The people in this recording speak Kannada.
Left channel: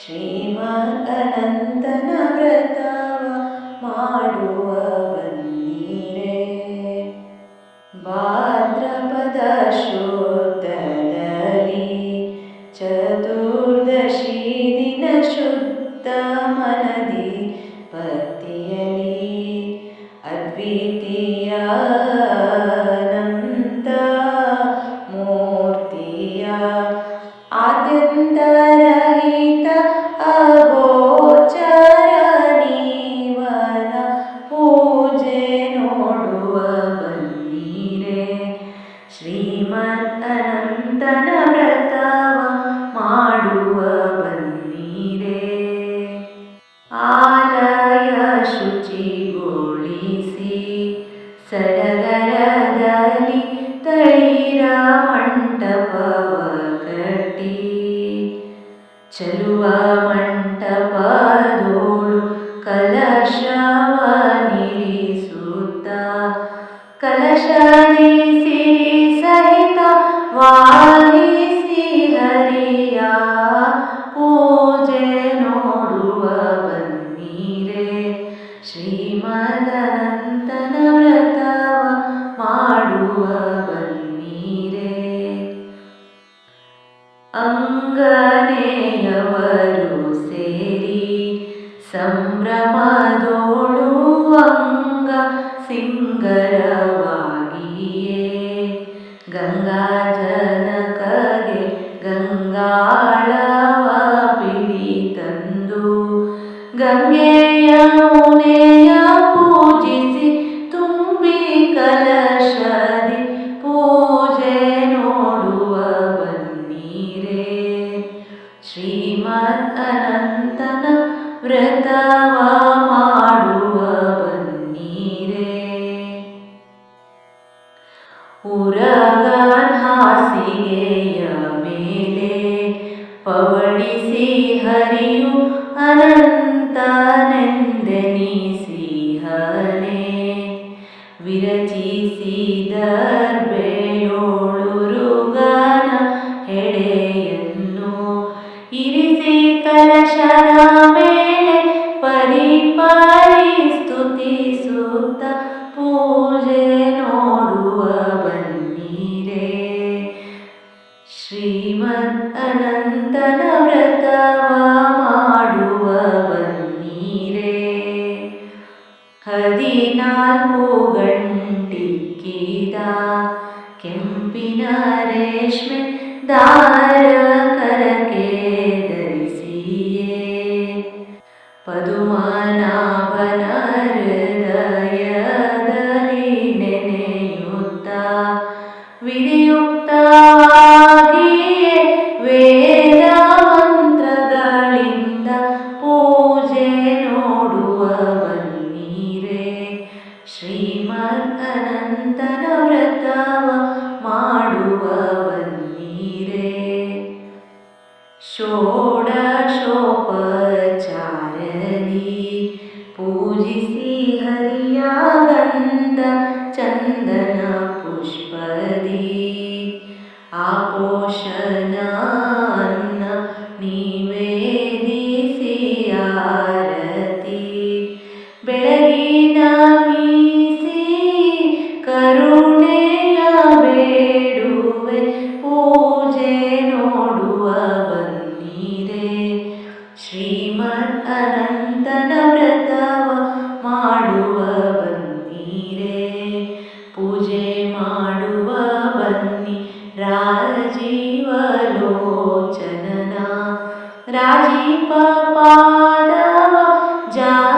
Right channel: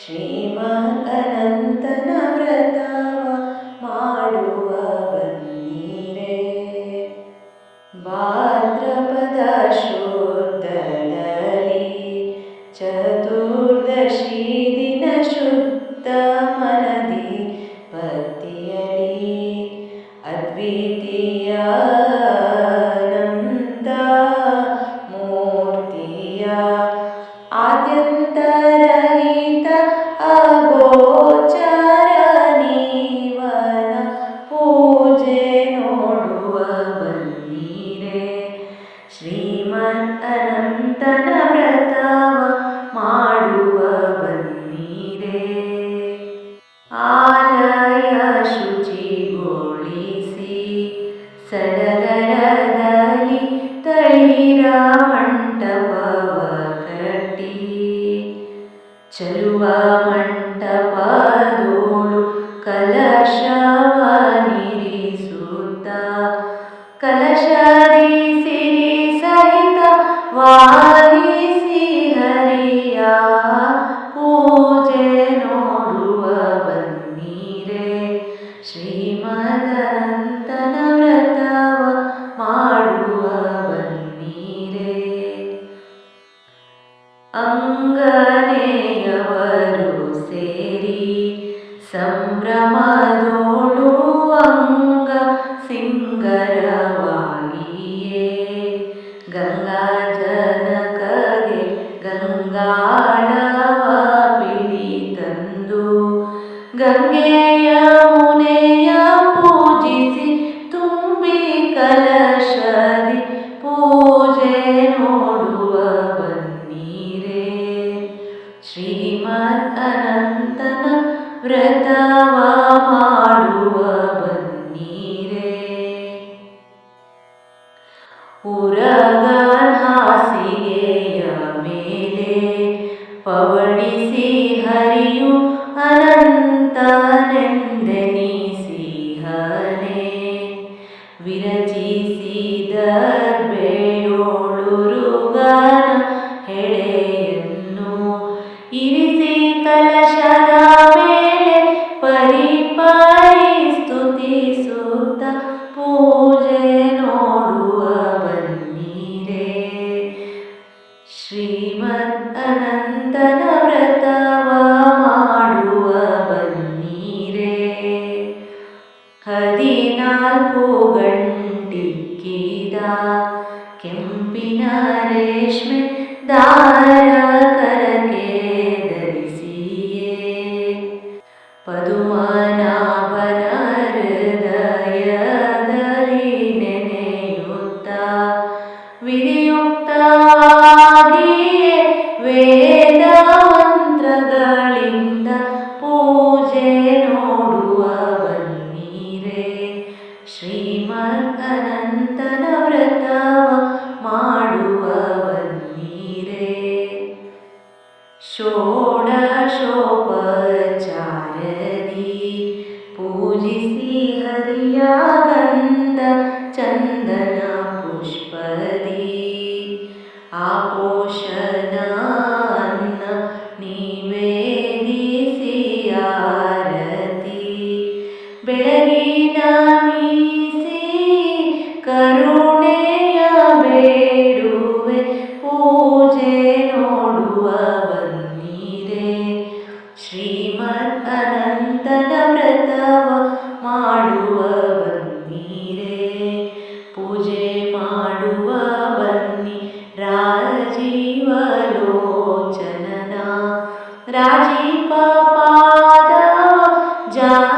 ಶ್ರೀಮದ್ ಅನಂತನ ವ್ರತವ ಮಾಡುವ ಬನ್ನಿರೇ ಭಾದ್ರಪದ ಶುದ್ಧದಲ್ಲಿ ಚತುರ್ದಶಿ ದಿನ ಶುದ್ಧ ಮನದಿ ಭಕ್ತಿಯಲಿ ಅದ್ವಿತೀಯ ಅಗೋಚರ ನೀವನ ಪೂಜೆ ನೋಡುವ ಬನ್ನೀರೆ ಶ್ರೀಮನ್ ಅನಂತನ ವ್ರತವ ಮಾಡುವ ಬನ್ನಿರೇ ಆಲಯ ಶುಚಿಗೊಳಿಸಿ ಸಡಗರದಲ್ಲಿ ತಳಿರ ಮಂಟಪವ ಕಟ್ಟಿ. ಚಲುವ ಸಂಭ್ರಮದೋಳು ಅಂಗ ಸಿಂಗರವಾಗಿಯೇ. ಗಂಗಾ ಜನಕಗೆ ಗಂಗಾಳವ ಪಿಡಿ ತಂದು ಗಂಗೆಯ ಪವಡಿಸಿ ಹರಿಯು ಅನಂತನೆಂದೆನಿಸಿಹನೆ ವಿರಚಿಸಿದರ್ಬೆಯೋಳುರುಗನ ಹೆಡೆಯನ್ನು ಇರಿಸಿ ಕಲಶದ ಮೇಲೆ ಪರಿಪರಿ ಸ್ತುತಿಸುತ್ತ ಪೂಜೆ ವ್ರತವ ಮಾಡುವ ಬನ್ನಿರೇ ಹದಿನಾಲ್ಕು ಗಂಟಿಕ್ಕಿದ ಕೆಂಪಿನ ರೇಷ್ಮೆ ದಾರ ಕರಕೆ ಧರಿಸಿಯೇ ಪದುಮನಾಭನ ಹೃದಯದಲ್ಲಿ षोडशोपचारधि पूजिसि हरिया गन्ध चन्दन पुष्पदि। आपोषदा राजीपपादव जा